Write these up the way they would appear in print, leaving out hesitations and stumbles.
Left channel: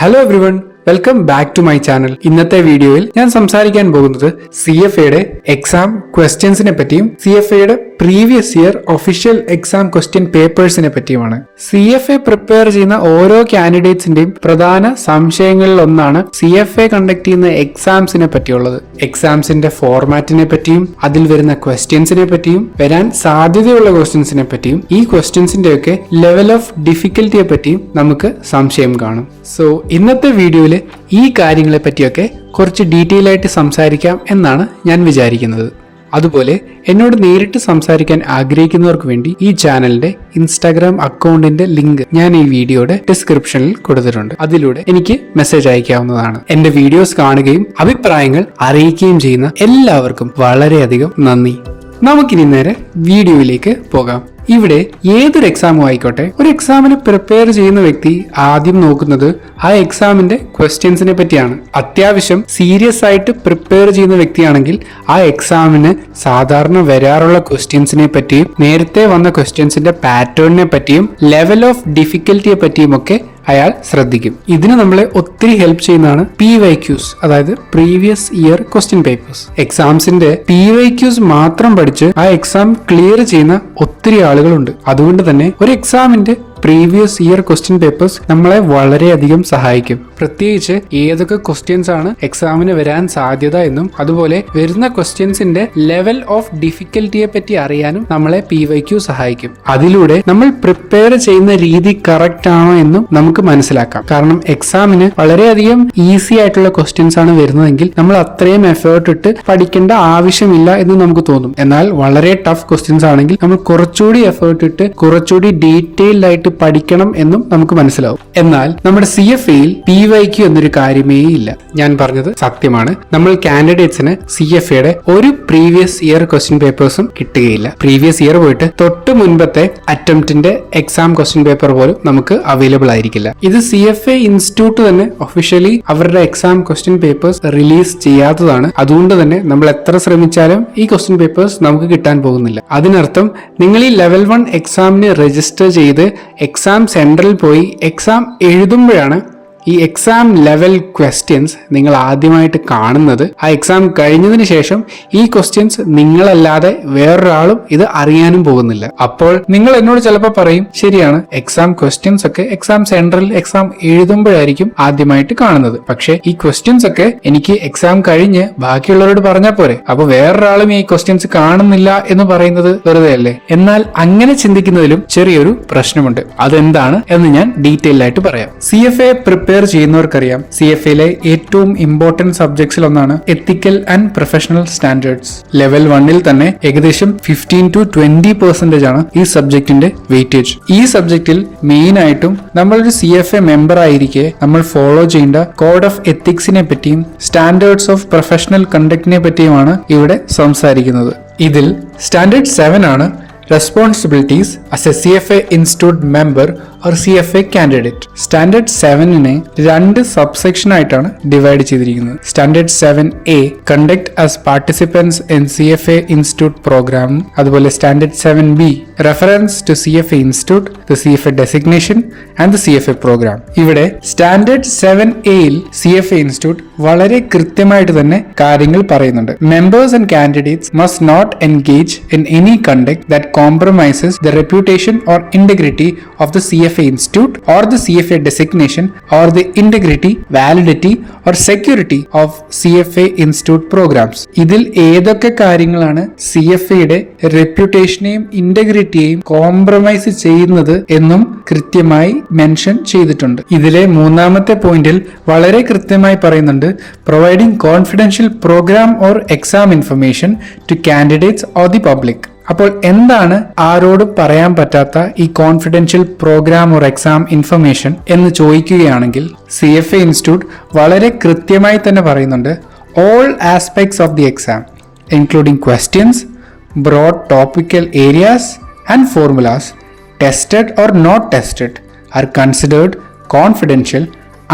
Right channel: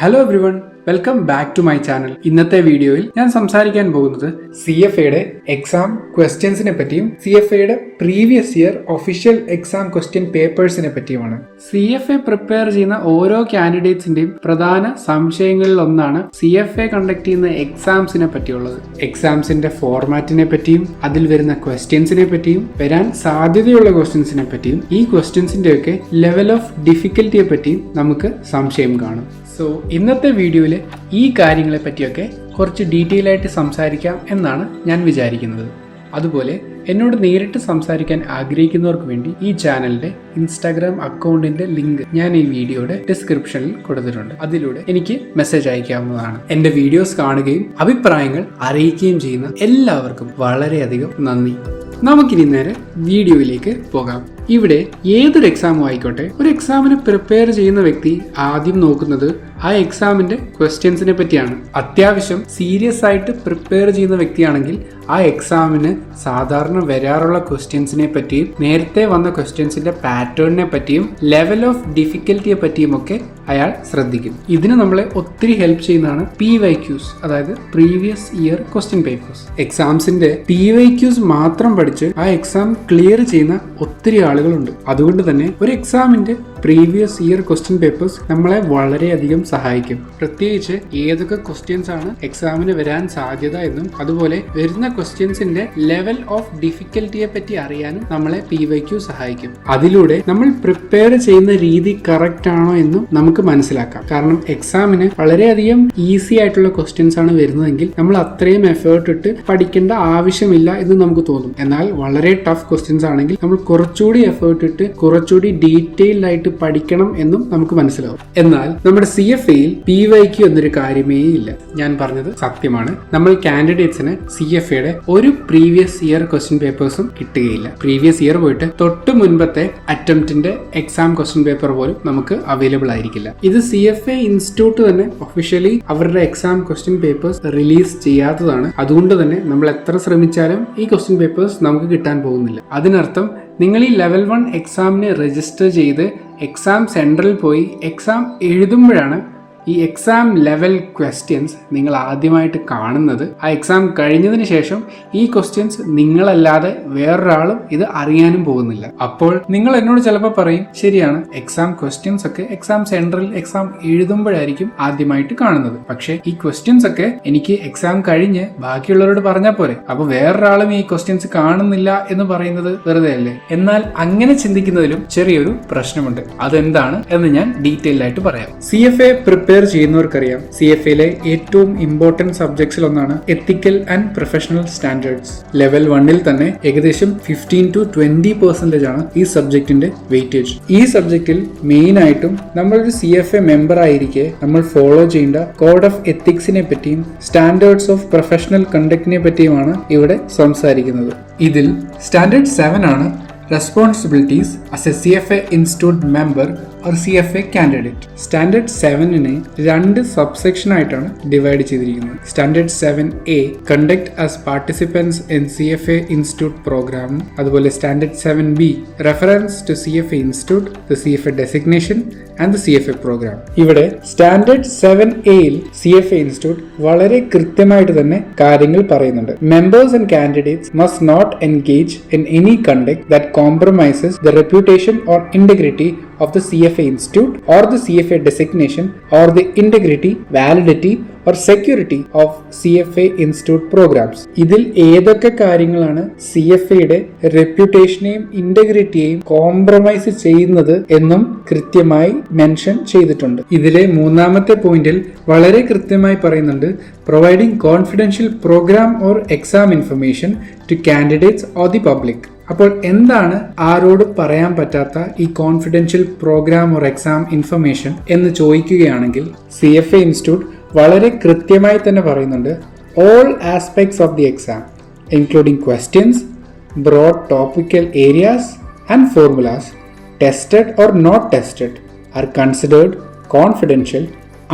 Hello everyone, welcome back to my channel. ഇന്നത്തെ വീഡിയോയിൽ ഞാൻ സംസാരിക്കാൻ പോകുന്നത് CFAയുടെ എക്സാം ക്വസ്റ്റ്യൻസിനെ പറ്റിയും CFAയുടെ previous year official exam question പേപ്പേഴ്സിനെ പറ്റിയുമാണ്. CFA പ്രിപ്പയർ ചെയ്യുന്ന ഓരോ കാൻഡിഡേറ്റ്സിന്റെയും പ്രധാന സംശയങ്ങളിൽ ഒന്നാണ് CFA കണ്ടക്ട് ചെയ്യുന്ന എക്സാംസിനെ പറ്റിയുള്ളത്. എക്സാംസിന്റെ ഫോർമാറ്റിനെ പറ്റിയും അതിൽ വരുന്ന ക്വസ്റ്റ്യൻസിനെ പറ്റിയും വരാൻ സാധ്യതയുള്ള ക്വസ്റ്റ്യൻസിനെ പറ്റിയും ഈ ക്വസ്റ്റ്യൻസിന്റെ ലെവൽ ഓഫ് ഡിഫിക്കൽറ്റിയെ പറ്റിയും നമുക്ക് സംശയം കാണും. സോ ഇന്നത്തെ വീഡിയോയിൽ ഈ കാര്യങ്ങളെ പറ്റിയൊക്കെ കുറച്ച് ഡീറ്റെയിൽ ആയിട്ട് സംസാരിക്കാം എന്നാണ് ഞാൻ വിചാരിക്കുന്നത്. അതുപോലെ എന്നോട് നേരിട്ട് സംസാരിക്കാൻ ആഗ്രഹിക്കുന്നവർക്ക് വേണ്ടി ഈ ചാനലിന്റെ ഇൻസ്റ്റാഗ്രാം അക്കൗണ്ടിന്റെ ലിങ്ക് ഞാൻ ഈ വീഡിയോയുടെ ഡിസ്ക്രിപ്ഷനിൽ കൊടുത്തിട്ടുണ്ട്. അതിലൂടെ എനിക്ക് മെസ്സേജ് അയക്കാവുന്നതാണ്. എന്റെ വീഡിയോസ് കാണുകയും അഭിപ്രായങ്ങൾ അറിയിക്കുകയും ചെയ്യുന്ന എല്ലാവർക്കും വളരെയധികം നന്ദി. നമുക്കിനി നേരെ വീഡിയോയിലേക്ക് പോകാം. ഇവിടെ ഏതൊരു എക്സാമും ആയിക്കോട്ടെ, ഒരു എക്സാമിന് പ്രിപ്പയർ ചെയ്യുന്ന വ്യക്തി ആദ്യം നോക്കുന്നത് ആ എക്സാമിന്റെ ക്വസ്റ്റ്യൻസിനെ പറ്റിയാണ്. അത്യാവശ്യം സീരിയസ് ആയിട്ട് പ്രിപ്പയർ ചെയ്യുന്ന വ്യക്തിയാണെങ്കിൽ ആ എക്സാമിന് സാധാരണ വരാറുള്ള ക്വസ്റ്റ്യൻസിനെ പറ്റിയും നേരത്തെ വന്ന ക്വസ്റ്റ്യൻസിന്റെ പാറ്റേണിനെ പറ്റിയും ലെവൽ ഓഫ് ഡിഫിക്കൽറ്റിയെ പറ്റിയും ഒക്കെ അയാൾ ശ്രദ്ധിക്കും. ഇതിന് നമ്മളെ ഒത്തിരി ഹെൽപ്പ് ചെയ്യുന്നതാണ് PYQs, അതായത് പ്രീവിയസ് ഇയർ ക്വസ്റ്റ്യൻ പേപ്പേഴ്സ്. എക്സാംസിന്റെ PYQs മാത്രം പഠിച്ച് ആ എക്സാം ക്ലിയർ ചെയ്യുന്ന ഒത്തിരി ആളുകളുണ്ട്. അതുകൊണ്ട് തന്നെ ഒരു എക്സാമിന്റെ പ്രീവിയസ് ഇയർ ക്വസ്റ്റ്യൻ പേപ്പേഴ്സ് നമ്മളെ വളരെയധികം സഹായിക്കും. പ്രത്യേകിച്ച് ഏതൊക്കെ ക്വസ്റ്റ്യൻസ് ആണ് എക്സാമിന് വരാൻ സാധ്യത എന്നും അതുപോലെ വരുന്ന ക്വസ്റ്റ്യൻസിന്റെ ലെവൽ ഓഫ് ഡിഫിക്കൽറ്റിയെ പറ്റി അറിയാനും നമ്മളെ PYQ സഹായിക്കും. അതിലൂടെ നമ്മൾ പ്രിപ്പയർ ചെയ്യുന്ന രീതി കറക്റ്റ് ആണോ എന്നും നമുക്ക് മനസ്സിലാക്കാം. കാരണം എക്സാമിന് വളരെയധികം ഈസി ആയിട്ടുള്ള ക്വസ്റ്റ്യൻസ് ആണ് വരുന്നതെങ്കിൽ നമ്മൾ അത്രയും എഫേർട്ട് ഇട്ട് പഠിക്കേണ്ട ആവശ്യമില്ല എന്ന് നമുക്ക് തോന്നും. എന്നാൽ വളരെ ടഫ് ക്വസ്റ്റ്യൻസ് ആണെങ്കിൽ നമ്മൾ കുറച്ചുകൂടി എഫേർട്ട് ഇട്ട് കുറച്ചുകൂടി ഡീറ്റെയിൽഡ് ആയിട്ട് പഠിക്കണം എന്നും നമുക്ക് മനസ്സിലാവും. എന്നാൽ നമ്മുടെ CFAയിൽ PYQ എന്നൊരു കാര്യമേ ഇല്ല. ഞാൻ പറഞ്ഞത് സത്യമാണ്. നമ്മൾ കാൻഡിഡേറ്റ്സിന് CFAയുടെ ഒരു പ്രീവിയസ് ഇയർ ക്വസ്റ്റ്യൻ പേപ്പേഴ്സും കിട്ടുകയില്ല. പ്രീവിയസ് ഇയർ പോയിട്ട് തൊട്ട് മുൻപത്തെ അറ്റംപ്റ്റിന്റെ എക്സാം ക്വസ്റ്റ്യൻ പേപ്പർ പോലും നമുക്ക് അവൈലബിൾ ആയിരിക്കില്ല. ഇത് CFA ഇൻസ്റ്റിറ്റ്യൂട്ട് തന്നെ ഒഫീഷ്യലി അവരുടെ എക്സാം ക്വസ്റ്റ്യൻ പേപ്പേഴ്സ് റിലീസ് ചെയ്യാത്തതാണ്. അതുകൊണ്ട് തന്നെ നമ്മൾ എത്ര ശ്രമിച്ചാലും ഈ ക്വസ്റ്റ്യൻ പേപ്പേഴ്സ് നമുക്ക് കിട്ടാൻ പോകുന്നില്ല. അതിനർത്ഥം നിങ്ങൾ ഈ ലെവൽ 1 എക്സാമിന് രജിസ്റ്റർ ചെയ്ത് എക്സാം സെന്ററിൽ പോയി എക്സാം എഴുതുമ്പോഴാണ് ഈ എക്സാം ലെവൽ ക്വസ്റ്റ്യൻസ് നിങ്ങൾ ആദ്യമായിട്ട് കാണുന്നത്. ആ എക്സാം കഴിഞ്ഞതിന് ശേഷം ഈ ക്വസ്റ്റ്യൻസ് നിങ്ങളല്ലാതെ വേറൊരാളും ഇത് അറിയാനും പോകുന്നില്ല. അപ്പോൾ നിങ്ങൾ എന്നോട് ചിലപ്പോൾ പറയും, ശരിയാണ്, എക്സാം ക്വസ്റ്റ്യൻസ് ഒക്കെ എക്സാം സെന്ററിൽ എക്സാം എഴുതുമ്പോഴായിരിക്കും ആദ്യമായിട്ട് കാണുന്നത്. പക്ഷെ ഈ ക്വസ്റ്റ്യൻസ് ഒക്കെ എനിക്ക് എക്സാം കഴിഞ്ഞ് ബാക്കിയുള്ളവരോട് പറഞ്ഞാൽ പോരെ, അപ്പൊ വേറൊരാളും ഈ ക്വസ്റ്റ്യൻസ് കാണുന്നില്ല എന്ന് പറയുന്നത് വെറുതെ അല്ലേ? എന്നാൽ അങ്ങനെ ചിന്തിക്കുന്നതിലും ചെറിയൊരു പ്രശ്നമുണ്ട്. അതെന്താണ് എന്ന് ഞാൻ ഡീറ്റെയിൽ ആയിട്ട് പറയാം. CFA പ്രിപ്പയർ ചെയ്യുന്നവർക്കറിയാം, CFAയിലെ ഏറ്റവും ഇമ്പോർട്ടന്റ് സബ്ജക്ട്സിൽ ഒന്നാണ് ethical and professional standards. Level 1ൽ തന്നെ ഏകദേശം 15 to 20% ആണ് ഈ സബ്ജക്റ്റിന്റെ വെയിറ്റേജ്. ഈ സബ്ജക്റ്റിൽ മെയിൻ ആയിട്ടും നമ്മളൊരു CFA മെമ്പർ ആയിരിക്കെ നമ്മൾ ഫോളോ ചെയ്യേണ്ട കോഡ് ഓഫ് എത്തിക്സിനെ പറ്റിയും സ്റ്റാൻഡേർഡ്സ് ഓഫ് പ്രൊഫഷണൽ കണ്ടക്ടിനെ പറ്റിയുമാണ് ഇവിടെ സംസാരിക്കുന്നത്. ഇതിൽ സ്റ്റാൻഡേർഡ് 7 ആണ് responsibilities as a CFA institute member or CFA candidate. Standard 7നെ 2 സബ്സെക്ഷൻ ആയിട്ടാണ് ഡിവൈഡ് ചെയ്തിരിക്കുന്നത്. Standard 7A conduct as participants in CFA institute program. അതുപോലെ standard 7B reference to CFA institute, the CFA designation and the CFA program. ഇവിടെ standard 7Aയിൽ CFA institute വളരെ കൃത്യമായിട്ട് തന്നെ കാര്യങ്ങൾ പറയുന്നുണ്ട്. Members and candidates must not engage in any conduct that compromises the reputation or integrity of the CFA institute or the CFA designation or the integrity, validity or security of CFA institute programs. ഇതിൽ ഏതൊക്കെ കാര്യങ്ങളാണ് CFAയുടെ റെപ്യൂട്ടേഷനെയും ഇന്റഗ്രിറ്റിയെയും compromise ചെയ്യുന്നത് എന്നും കൃത്യമായി mention ചെയ്തിട്ടുണ്ട്. ഇതിലെ 3ാമത്തെ പോയിന്റിൽ വളരെ കൃത്യമായി പറയുന്നുണ്ട്, providing confidential programme or exam information to candidates or the public. അപ്പോൾ എന്താണ് ആരോടും പറയാൻ പറ്റാത്ത ഈ confidential programme or exam information എന്ന് ചോദിക്കുകയാണെങ്കിൽ CFA ഇൻസ്റ്റിറ്റ്യൂട്ട് വളരെ കൃത്യമായി തന്നെ പറയുന്നുണ്ട്, all aspects of the exam including questions, broad topical areas and formulas tested or not tested are considered confidential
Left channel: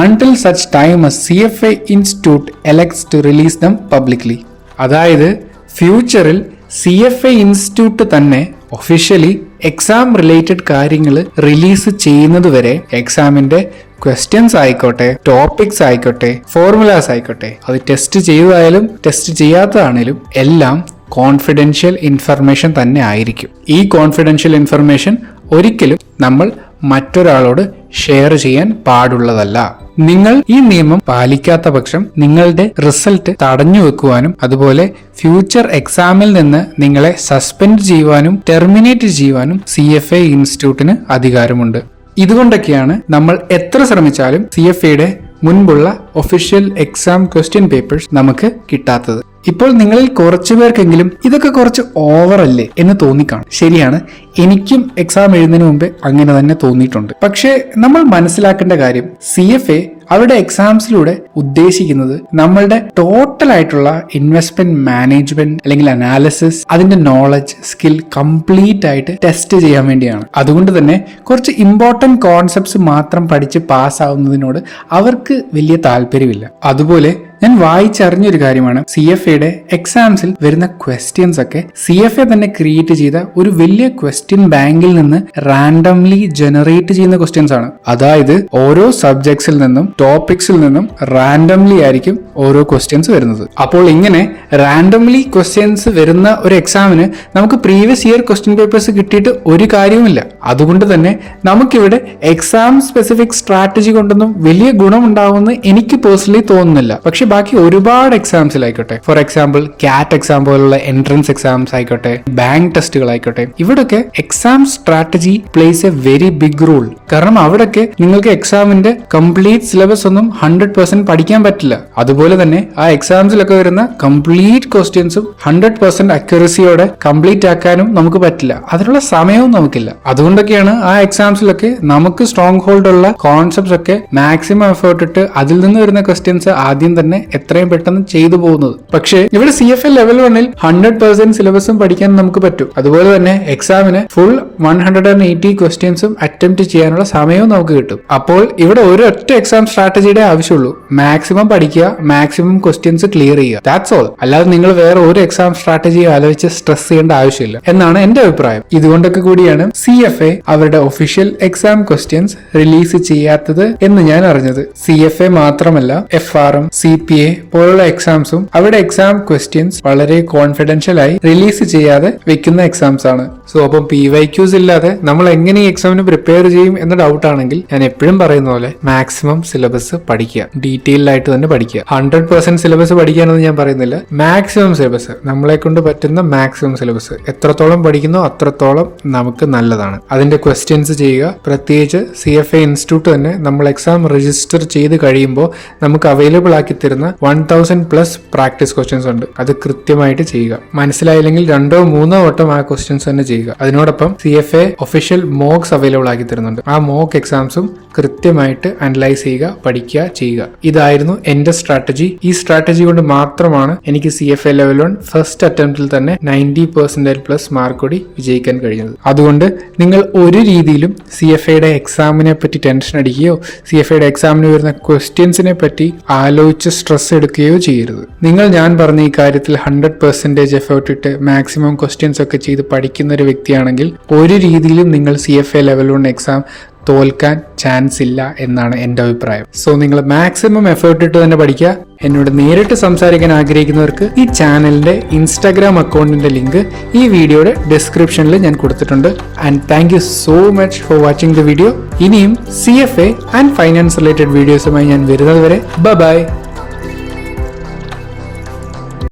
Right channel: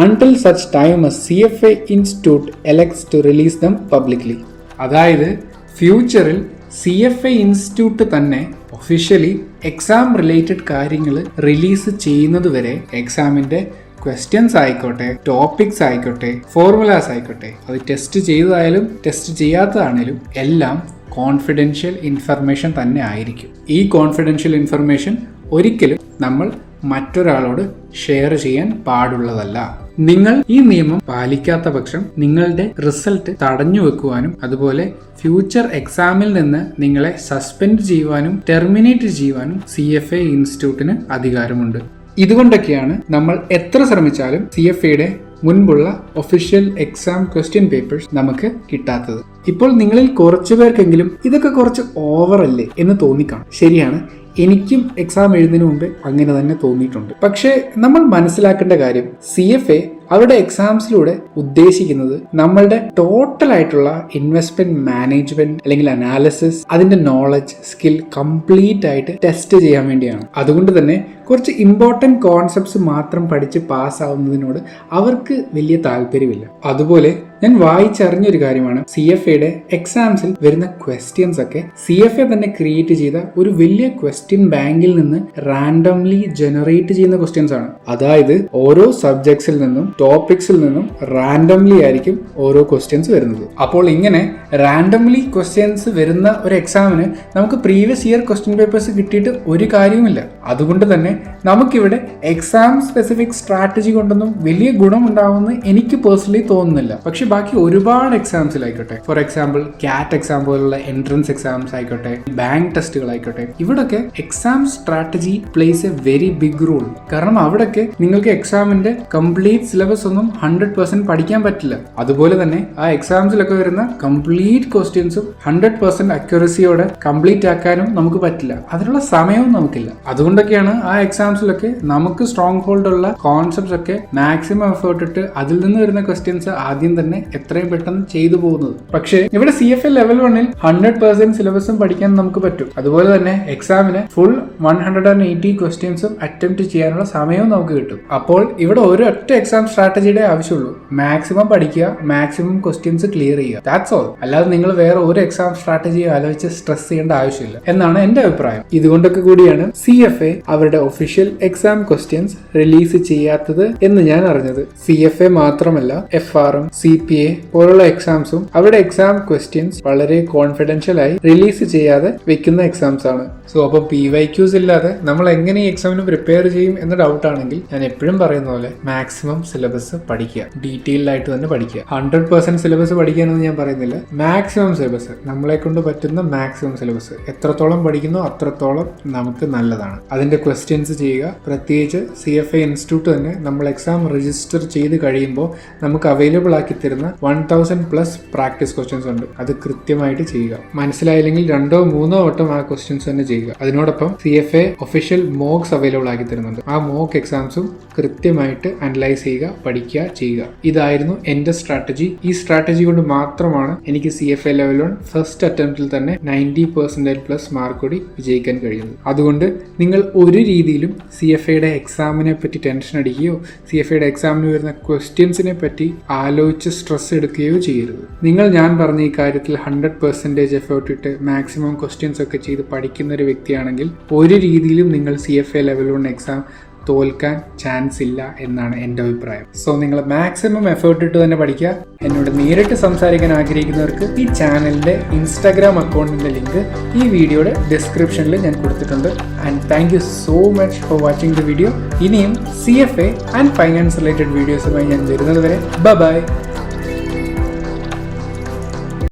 until such time as CFA Institute elects to release them publicly. അതായത് ഫ്യൂച്ചറിൽ CFA institute തന്നെ officially exam related കാര്യങ്ങൾ release ചെയ്യുന്നത് വരെ എക്സാമിന്റെ questions ആയിക്കോട്ടെ, topics ആയിക്കോട്ടെ, formulas ആയിക്കോട്ടെ, അത് ടെസ്റ്റ് ചെയ്തതായാലും ടെസ്റ്റ് ചെയ്യാത്തതാണേലും എല്ലാം കോൺഫിഡൻഷ്യൽ ഇൻഫർമേഷൻ തന്നെ ആയിരിക്കും. ഈ കോൺഫിഡൻഷ്യൽ ഇൻഫർമേഷൻ ഒരിക്കലും നമ്മൾ മറ്റൊരാളോട് ഷെയർ ചെയ്യാൻ പാടുള്ളതല്ല. നിങ്ങൾ ഈ നിയമം പാലിക്കാത്ത പക്ഷം നിങ്ങളുടെ റിസൾട്ട് തടഞ്ഞു വെക്കുവാനും അതുപോലെ ഫ്യൂച്ചർ എക്സാമിൽ നിന്ന് നിങ്ങളെ സസ്പെൻഡ് ചെയ്യുവാനും ടെർമിനേറ്റ് ചെയ്യുവാനും CFA ഇൻസ്റ്റിറ്റ്യൂട്ടിന് അധികാരമുണ്ട്. ഇതുകൊണ്ടൊക്കെയാണ് നമ്മൾ എത്ര ശ്രമിച്ചാലും CFAയുടെ മുൻപുള്ള ഒഫീഷ്യൽ എക്സാം ക്വസ്റ്റ്യൻ പേപ്പേഴ്സ് നമുക്ക് കിട്ടാത്തത്. ഇപ്പോൾ നിങ്ങളിൽ കുറച്ചു പേർക്കെങ്കിലും ഇതൊക്കെ കുറച്ച് ഓവറല്ലേ എന്ന് തോന്നിക്കാണും. ശരിയാണ്, എനിക്കും എക്സാം എഴുതുന്നതിന് മുമ്പ് അങ്ങനെ തന്നെ തോന്നിയിട്ടുണ്ട്. പക്ഷേ നമ്മൾ മനസ്സിലാക്കേണ്ട കാര്യം CFA അവരുടെ എക്സാംസിലൂടെ ഉദ്ദേശിക്കുന്നത് നമ്മളുടെ ടോട്ടൽ ആയിട്ടുള്ള ഇൻവെസ്റ്റ്മെന്റ് മാനേജ്മെന്റ് അല്ലെങ്കിൽ അനാലിസിസ്, അതിന്റെ നോളജ് സ്കിൽ കംപ്ലീറ്റ് ആയിട്ട് ടെസ്റ്റ് ചെയ്യാൻ വേണ്ടിയാണ്. അതുകൊണ്ട് തന്നെ കുറച്ച് ഇമ്പോർട്ടന്റ് കോൺസെപ്റ്റ്സ് മാത്രം പഠിച്ച് പാസ്സാവുന്നതിനോട് അവർക്ക് വലിയ താല്പര്യമില്ല. അതുപോലെ ഞാൻ വായിച്ചറിഞ്ഞൊരു കാര്യമാണ്, CFAയുടെ എക്സാംസിൽ വരുന്ന ക്വസ്റ്റ്യൻസ് ഒക്കെ CFA തന്നെ ക്രിയേറ്റ് ചെയ്ത ഒരു വലിയ ക്വസ്റ്റ്യൻ ബാങ്കിൽ നിന്ന് റാൻഡംലി ജനറേറ്റ് ചെയ്യുന്ന ക്വസ്റ്റ്യൻസ് ആണ്. അതായത് ഓരോ സബ്ജക്ട്സിൽ നിന്നും ടോപ്പിക്സിൽ നിന്നും റാൻഡംലി ആയിരിക്കും ഓരോ ക്വസ്റ്റ്യൻസ് വരുന്നത്. അപ്പോൾ ഇങ്ങനെ റാൻഡംലി ക്വസ്റ്റ്യൻസ് വരുന്ന ഒരു എക്സാമിന് നമുക്ക് പ്രീവിയസ് ഇയർ ക്വസ്റ്റ്യൻ പേപ്പേഴ്സ് കിട്ടിയിട്ട് ഒരു കാര്യവുമില്ല. അതുകൊണ്ട് തന്നെ നമുക്കിവിടെ എക്സാം സ്പെസിഫിക് സ്ട്രാറ്റജി കൊണ്ടൊന്നും വലിയ ഗുണമുണ്ടാവുമെന്ന് എനിക്ക് പേഴ്സണലി തോന്നുന്നില്ല. പക്ഷെ ബാക്കി ഒരുപാട് എക്സാംസിലായിക്കോട്ടെ, ഫോർ എക്സാമ്പിൾ കാറ്റ് എക്സാം പോലുള്ള എൻട്രൻസ് എക്സാംസ് ആയിക്കോട്ടെ, ബാങ്ക് ടെസ്റ്റുകൾ ആയിക്കോട്ടെ, ഇവിടൊക്കെ exam strategy plays a very big role. കാരണം അവിടൊക്കെ നിങ്ങൾക്ക് എക്സാമിന്റെ കംപ്ലീറ്റ് സിലബസ് ഒന്നും 100% പഠിക്കാൻ പറ്റില്ല. അതുപോലെ തന്നെ ആ എക്സാംസിലൊക്കെ വരുന്ന കംപ്ലീറ്റ് ക്വസ്റ്റ്യൻസും 100% അക്യുറസിയോടെ കംപ്ലീറ്റ് ആക്കാനും നമുക്ക് പറ്റില്ല. അതിനുള്ള സമയവും നമുക്കില്ല. അതുകൊണ്ടൊക്കെയാണ് ആ എക്സാംസിലൊക്കെ നമുക്ക് സ്ട്രോങ് ഹോൾഡ് ഉള്ള കോൺസെപ്റ്റ്സ് ഒക്കെ മാക്സിമം എഫേർട്ട് ഇട്ട് അതിൽ നിന്ന് വരുന്ന ക്വസ്റ്റ്യൻസ് ആദ്യം തന്നെ എത്രയും പെട്ടെന്ന് ചെയ്തു പോകുന്നത്. പക്ഷേ ഇവിടെ CFA ലെവൽ 1-ൽ 100% സിലബസും പഠിക്കാൻ നമുക്ക് പറ്റും. അതുപോലെ തന്നെ എക്സാമിന് ഫുൾ 180 ക്വസ്റ്റ്യൻസും അറ്റംപ്റ്റ് ചെയ്യാനുള്ള സമയവും നമുക്ക് കിട്ടും. അപ്പോൾ ഇവിടെ ഒരൊറ്റ എക്സാം സ്ട്രാറ്റജിയുടെ ആവശ്യമുള്ളൂ. മാക്സിമം പഠിക്കുക, മാക്സിമം ക്വസ്റ്റ്യൻസ് ക്ലിയർ ചെയ്യുക. That's all. അല്ലാതെ നിങ്ങൾ വേറെ ഒരു എക്സാം സ്ട്രാറ്റജി ആലോചിച്ച് സ്ട്രെസ് ചെയ്യേണ്ട ആവശ്യമില്ല എന്നാണ് എന്റെ അഭിപ്രായം. ഇതുകൊണ്ടൊക്കെ കൂടിയാണ് CFA അവരുടെ ഒഫീഷ്യൽ എക്സാം ക്വസ്റ്റ്യൻസ് റിലീസ് ചെയ്യാത്തത് എന്ന് ഞാൻ അറിഞ്ഞത്. CFA മാത്രമല്ല FRM, CPA പോലുള്ള എക്സാംസും അവരുടെ എക്സാം ക്വസ്റ്റ്യൻസ് വളരെ കോൺഫിഡൻഷ്യൽ ആയി റിലീസ് ചെയ്യാതെ വെക്കുന്ന എക്സാംസ് ആണ്. സോ അപ്പം PYQs ഇല്ലാതെ നമ്മൾ എങ്ങനെ ഈ എക്സാമിന് പ്രിപ്പയർ ചെയ്യും എന്ന ഡൗട്ട് ആണെങ്കിൽ ഞാൻ എപ്പോഴും പറയുന്ന പോലെ മാക്സിമം സിലബസ് പഠിക്കുക, ഡീറ്റെയിൽഡ് ആയിട്ട് തന്നെ പഠിക്കുക. 100% സിലബസ് പഠിക്കാനെന്ന് ഞാൻ പറയുന്നില്ല. മാക്സിമം സിലബസ്, നമ്മളെ കൊണ്ട് പറ്റുന്ന മാക്സിമം സിലബസ് എത്രത്തോളം പഠിക്കുന്നോ അത്രത്തോളം നമുക്ക് നല്ലതാണ്. അതിന്റെ ക്വസ്റ്റ്യൻസ് ചെയ്യുക. പ്രത്യേകിച്ച് CFA ഇൻസ്റ്റിറ്റ്യൂട്ട് തന്നെ നമ്മൾ എക്സാം രജിസ്റ്റർ ചെയ്ത് കഴിയുമ്പോൾ നമുക്ക് അവൈലബിൾ ആക്കി തരുന്ന 1000+ പ്രാക്ടീസ് ക്വസ്റ്റ്യൻസ് ഉണ്ട്. അത് കൃത്യമായിട്ട് ചെയ്യുക. മനസ്സിലായില്ലെങ്കിൽ 2-3 വട്ടം ആ ക്വസ്റ്റ്യൻസ് തന്നെ ചെയ്യുക. അതിനോടൊപ്പം CFA ഒഫീഷ്യൽ മോക്സ് അവൈലബിൾ ആക്കി തരുന്നുണ്ട്. ആ മോക്ക് എക്സാംസും കൃത്യമായിട്ട് അനലൈസ് ചെയ്യുക, പഠിക്കുക, ചെയ്യുക. ഇതായിരുന്നു എന്റെ സ്ട്രാറ്റജി. ഈ സ്ട്രാറ്റജി കൊണ്ട് മാത്രമാണ് എനിക്ക് CFA ലെവൽ 1 ഫസ്റ്റ് അറ്റംപ്റ്റിൽ തന്നെ 90% മാർക്ക് കൂടി വിജയിക്കാൻ കഴിയുന്നത്. അതുകൊണ്ട് നിങ്ങൾ ഒരു രീതിയിലും CFAയുടെ എക്സാമിനെ പറ്റി ടെൻഷൻ അടിക്കുകയോ CFAയുടെ എക്സാമിന് വരുന്ന ക്വസ്റ്റ്യൻസിനെ പറ്റി ആലോചിച്ച് സ്ട്രെസ് എടുക്കുകയോ ചെയ്യരുത്. നിങ്ങൾ ഞാൻ പറഞ്ഞ ഈ കാര്യത്തിൽ 100% എഫേർട്ട് ഇട്ട് മാക്സിമം ക്വസ്റ്റ്യൻസ് ഒക്കെ ചെയ്ത് പഠിക്കുന്ന ഒരു വ്യക്തിയാണെങ്കിൽ ഒരു രീതിയിലും നിങ്ങൾ CFA ലെവൽ 1 എക്സാം തോൽക്കാൻ ചാൻസ് ഇല്ല എന്നാണ് എൻ്റെ അഭിപ്രായം. സോ നിങ്ങൾ മാക്സിമം എഫേർട്ട് ഇട്ട് തന്നെ പഠിക്കുക. എന്നോട് നേരിട്ട് സംസാരിക്കാൻ ആഗ്രഹിക്കുന്നവർക്ക് ഈ ചാനലിന്റെ ഇൻസ്റ്റാഗ്രാം അക്കൗണ്ടിന്റെ ലിങ്ക് ഈ വീഡിയോയുടെ ഡിസ്ക്രിപ്ഷനിൽ ഞാൻ കൊടുത്തിട്ടുണ്ട്. And thank you so much for watching the video. ഇനിയും CFA ആൻഡ് ഫൈനാൻസ് റിലേറ്റഡ് വീഡിയോസുമായി ഞാൻ വരുന്നത് വരെ ബൈ.